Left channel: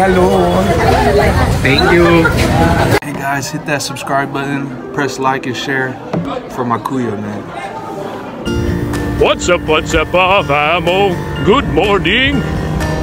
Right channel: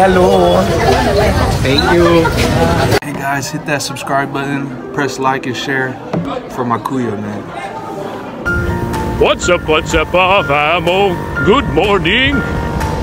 hello. Thank you. Hey guys, hit that subscribe button, press like and share for my kuya, man. What's up, famo? Good morning!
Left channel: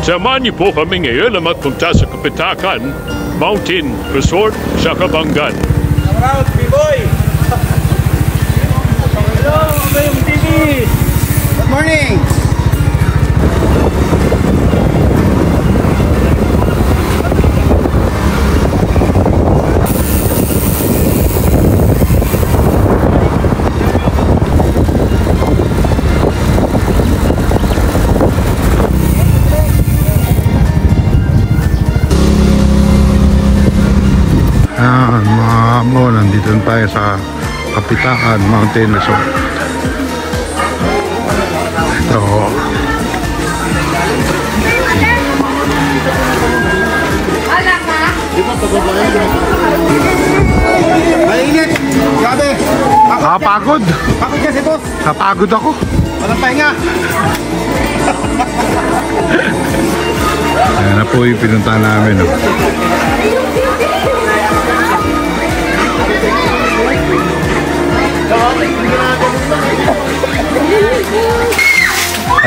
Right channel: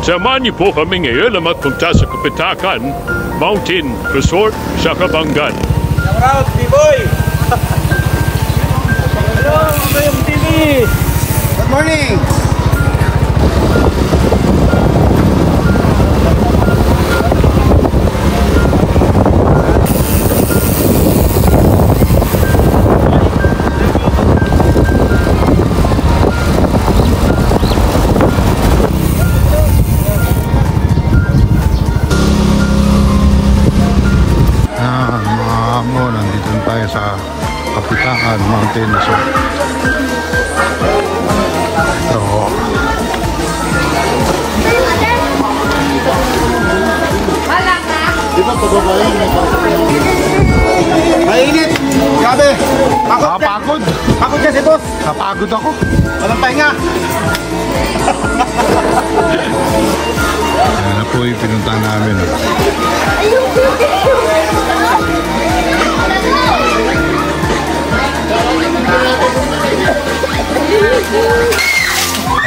Samahan niyo po kami ngayon na magpunta sa Kapitakan Mountain Resort sa Kabanggan. Shout out, B-Boy! Hello, Abayong TV! Good morning! Nandito tayo sa Kapitakan Mountain Resort. Ito. Mainit! Grabe! Kapagod! Pagod kasi boss! Kapagod ako! Walang pahinga! Ayan na po yung pinuntahan namin.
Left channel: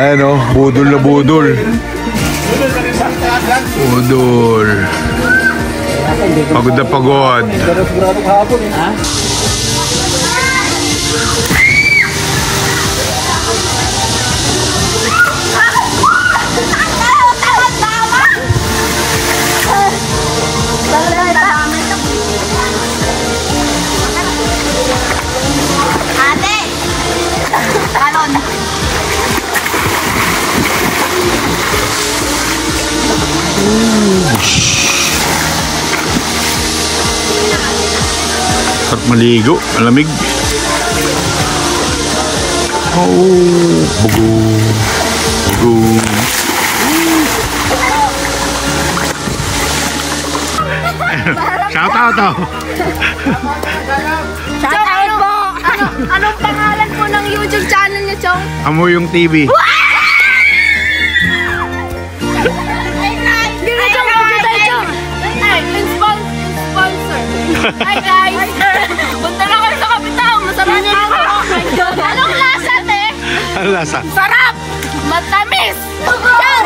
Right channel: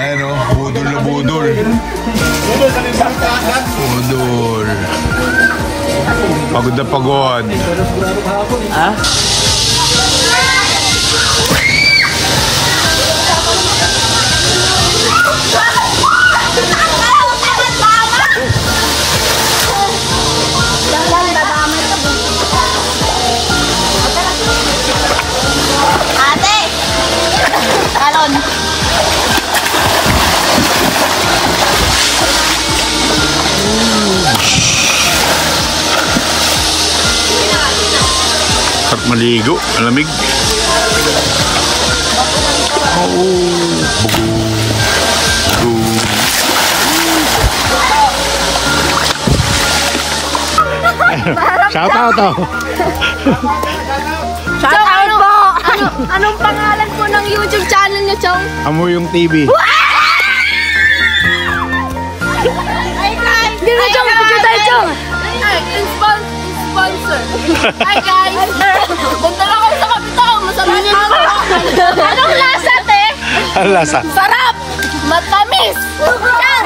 Ayan o, budol na budol. Budol. Pagod na pagod. Ha? Sarap maligo, malamig. Oh, bugo. Bugo. Shout out to. Shout out po. Anong pangalan po ng YouTube channel niyo, Chong? Amoyong TV. Hi guys! Punta lang kayo sa Kapitang! Masarap ako! Anong lasa, te? Ano lasa? Sarap! Matamis! Yan!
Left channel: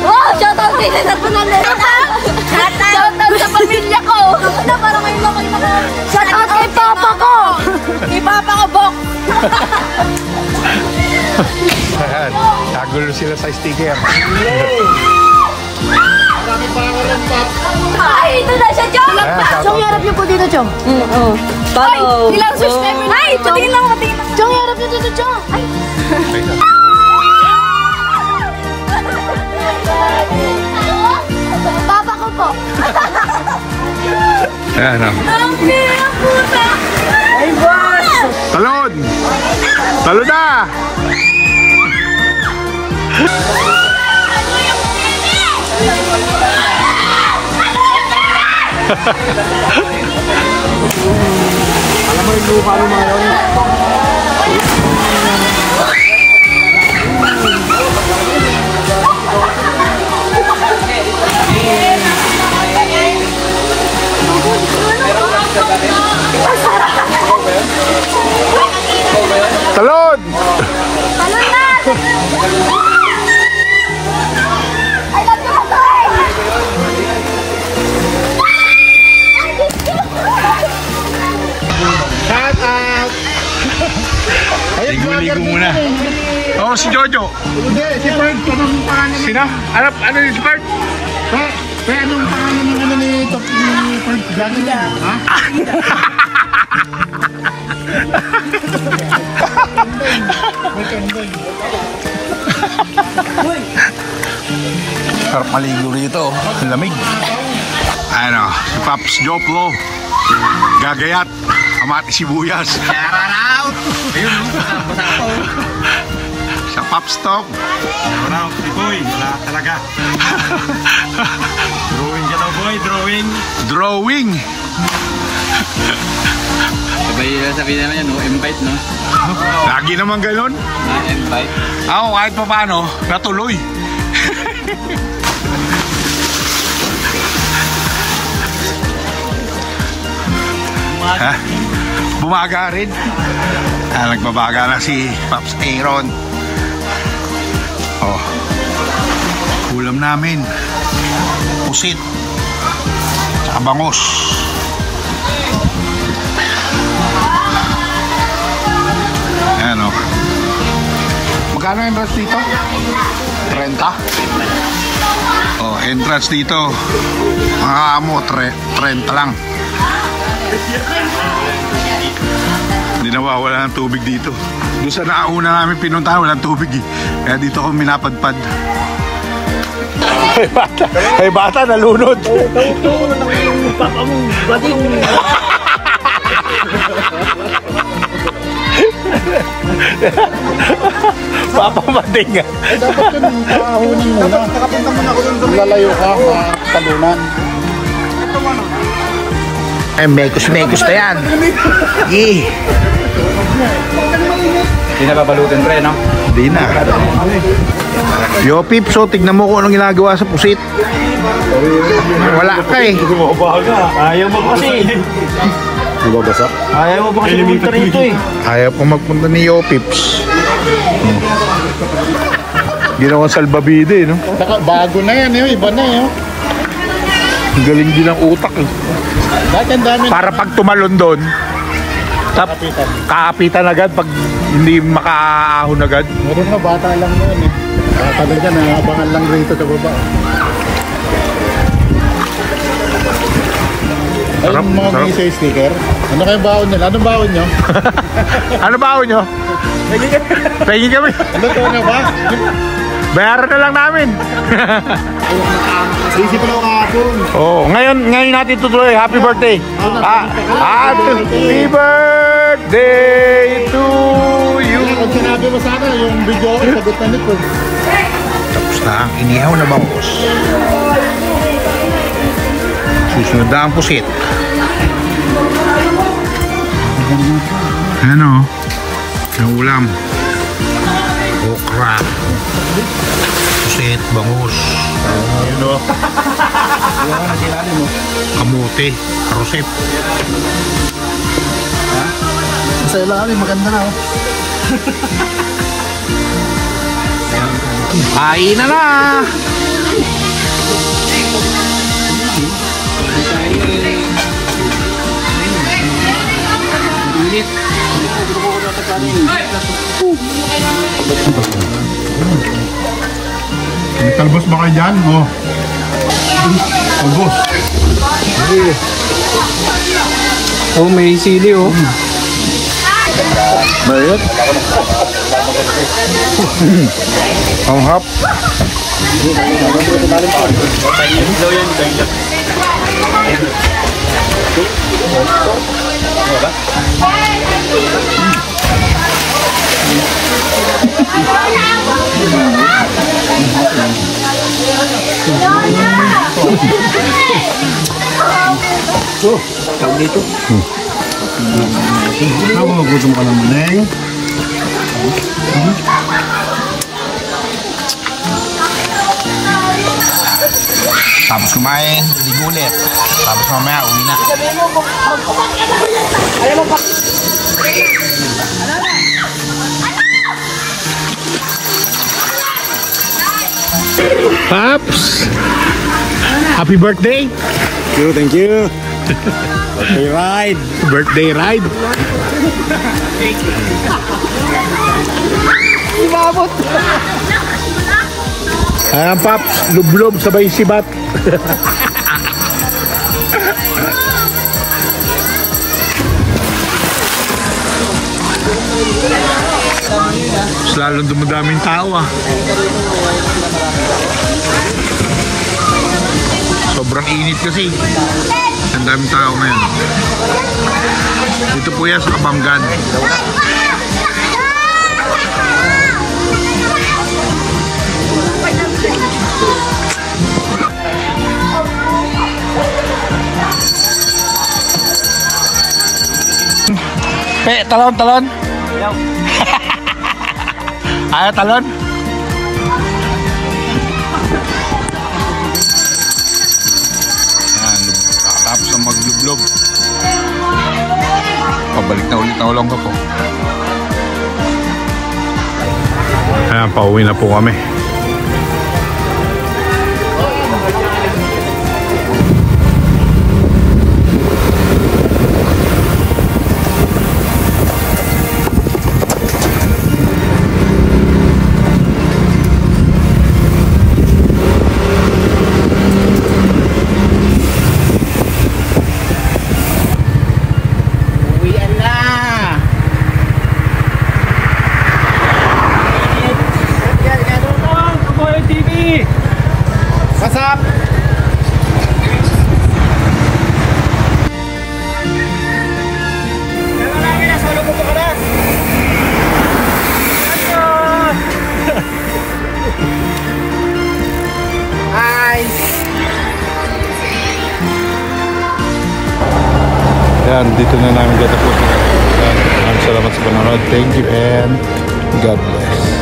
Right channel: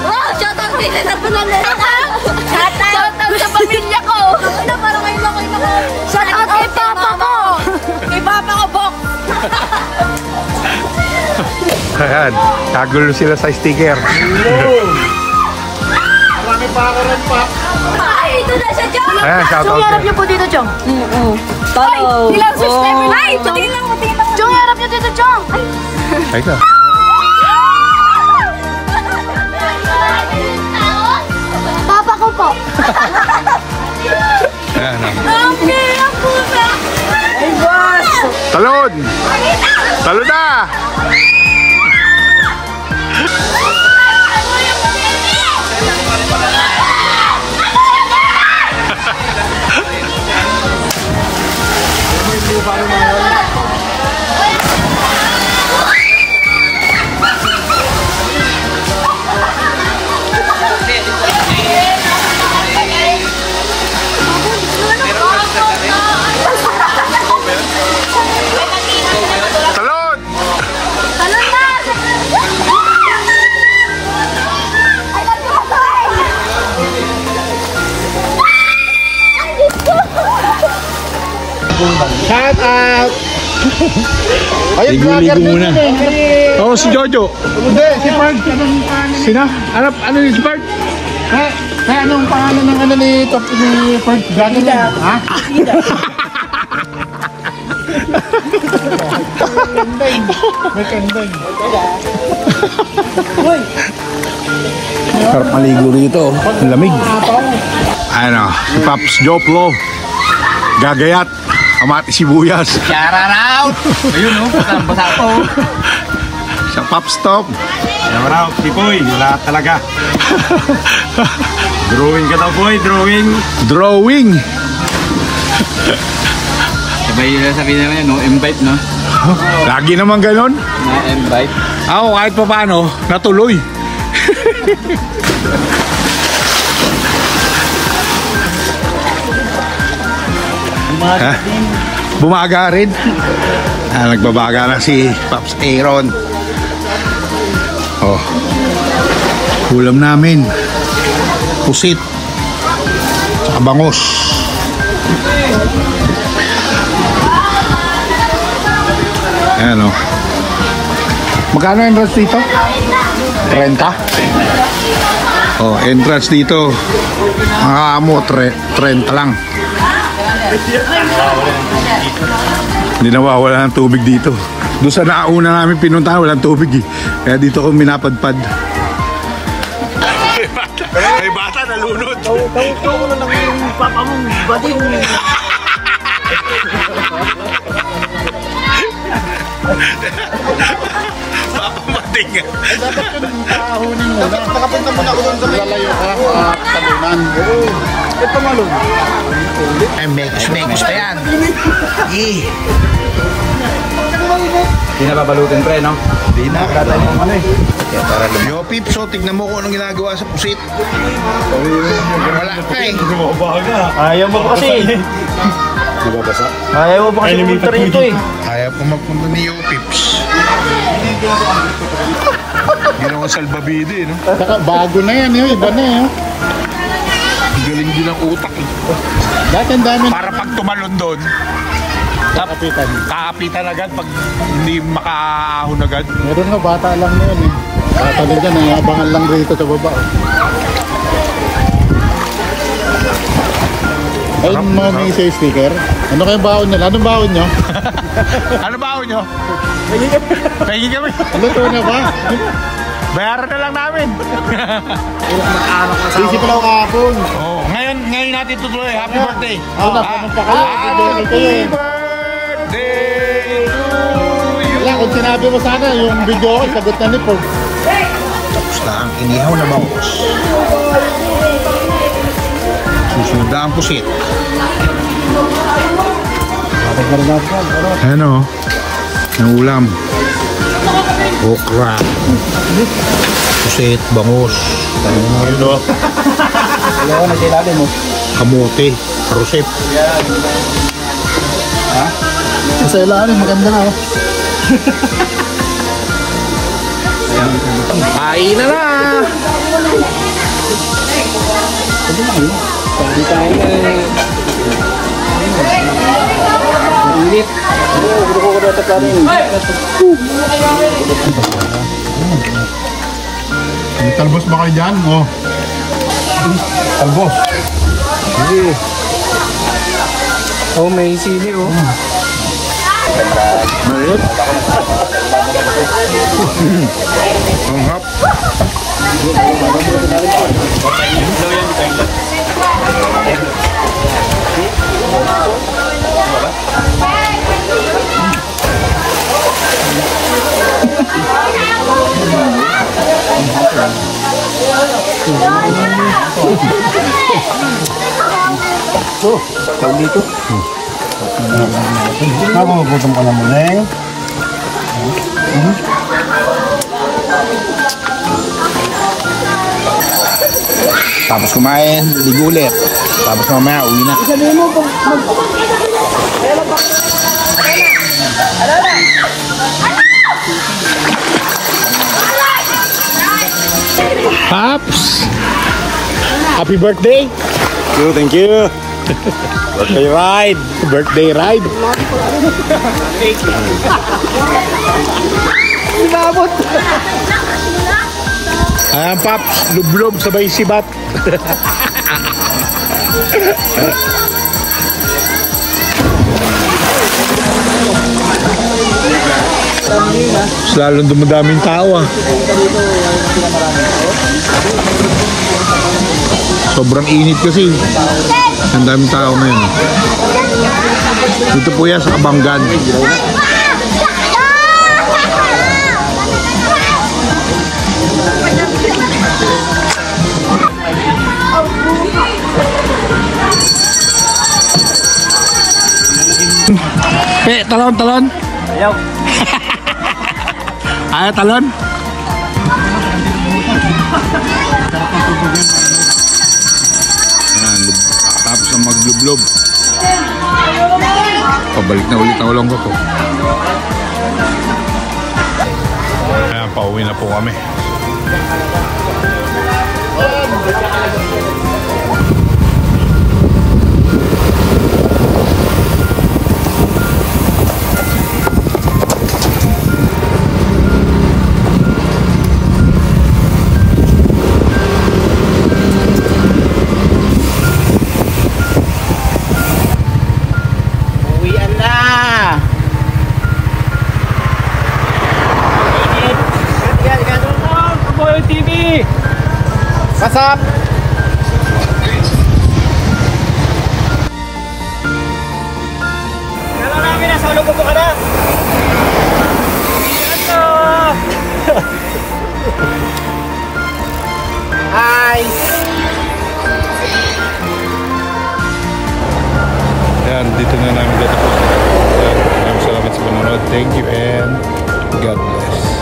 Oh! Shoutout din sa pangalan ko! Shoutout sa pamilya ko! Shoutout kay papa ko! Kay papa ko, Bok! Ayan, kagulo sila sa sticker. Ay! Ito na siya, Chong! Ayan, shout out. Harap niyo po dito, Chong. Follow. Ay! Ilang subscriber na! Ay! Tingin lang! Chong, harap niyo dito, Chong! Ay! Teka. Papa ko po! Ayan o. Okay, ang puta! Ay, boss! Talon! Talon na! Talon! Shout out! Ayun, Ligo-ligo muna. Oo, si Jojo. Hindi, si Park. Anong pangalan? Sina? Ano ni si Park? Kaya anong pangalan ng ano ni Top ni Park? Gano'n lang. Ha? Kandeng. May kandeng. Sarap maligo rito. Lamig. Ano, si Paps Joplo. Gagayat. Amati sibuyas. Shout! Ayun o, basa ko. Sa Paps Top. Shout out, B-Boy. Wala talaga. Drawing ka daw, boy. Drawing. Drawing. Diba yun lang sabihin naman yun, no? Invite, no? Lagi naman ganon. Na-invite. Ako kahit pa paano, natuloy. Ha? Bumaga rin. Nagbabaga na si Pops Aaron. Oh. Ulam namin. Pusit. Tsaka bangus. Ayan o. Magkano entrance dito? 30? Oh, entrance dito. Mga amo, 30 lang. Hindi nawawala ng tubig dito. Doon sa nauna namin pinuntahan, walang tubig eh. Kaya dito ko minapadpad. Ay bata, nalunod. Ito ko na lang yung papa mong bading. Papa mading nga. Dapat yung kahunin mo na. Nakapunta mo na ako doon sa lalayo ka. Talunan. Ito malun. Ay, mekos na yan. Hindi na babalutin pre, no? Hindi na. Yo, Pip, so tignan mo kung anong ginagawa sa pusit. Wala ka eh. Ayaw mo ba kasi? Di ba basa? Ayaw mo ba kasi pumunta rito eh? Ayaw po magpunta ni Yo, Pips. Ginawang salbabide, no? Bago na yan, yun. Iba na yun. Galing din ang utak eh. Bakit ang dami? Para pag tumalon doon, kaapitan agad pag hindi makaahon agad. Meron nga, bata lang yun eh. Bata na dyan, abangan lang rito sa baba. Ayun mga may say sticker. Ano kayong baon nila? Anong baon nyo? Ano ba nyo? Pegi kami. Luto na ba? Bayaran na lang namin. Busy pala ako kahapon. Oh, ngayon natin tutuloy. Happy birthday. Happy birthday to you. Kaya kung sinabi mo sana yung video, sagot na nito. Tapos na ang inihaw na bangus. Susunod na ang pusit. Ano? Ang ulam. Okra. Pusit, bangus. Kamote, karusip. Sa ilalim, maganda na. Kain na na! May talbos ba kayo dyan? Oh. Talbos. Oh, may sili oh. Mayroon? Ang hap. Nagugutom ka naman eh. Tapos kumain, ligo ulit. Tapos mamaya uwi na. Pops! Happy birthday! Thank you. Birthday ride. Birthday ride! Inabot! Ayan, Pops, lublob sabay sibat. Mas lalong dumadaming tao ah. Sobrang init kasi. Ang daming tao ngayon. Dito po yan sa Kabanggan. Talon. Ayaw. Ayaw talon. Yan, tapos ang maglublob. Pabalik na ulit ang Olonga po. Ayan, pauwi na po kami. What's up? Hello namin, nasa ulo po ka na. Hi! Yan, dito na namin tatapusin. Yan, maraming salamat sa panonood. Thank you and God bless.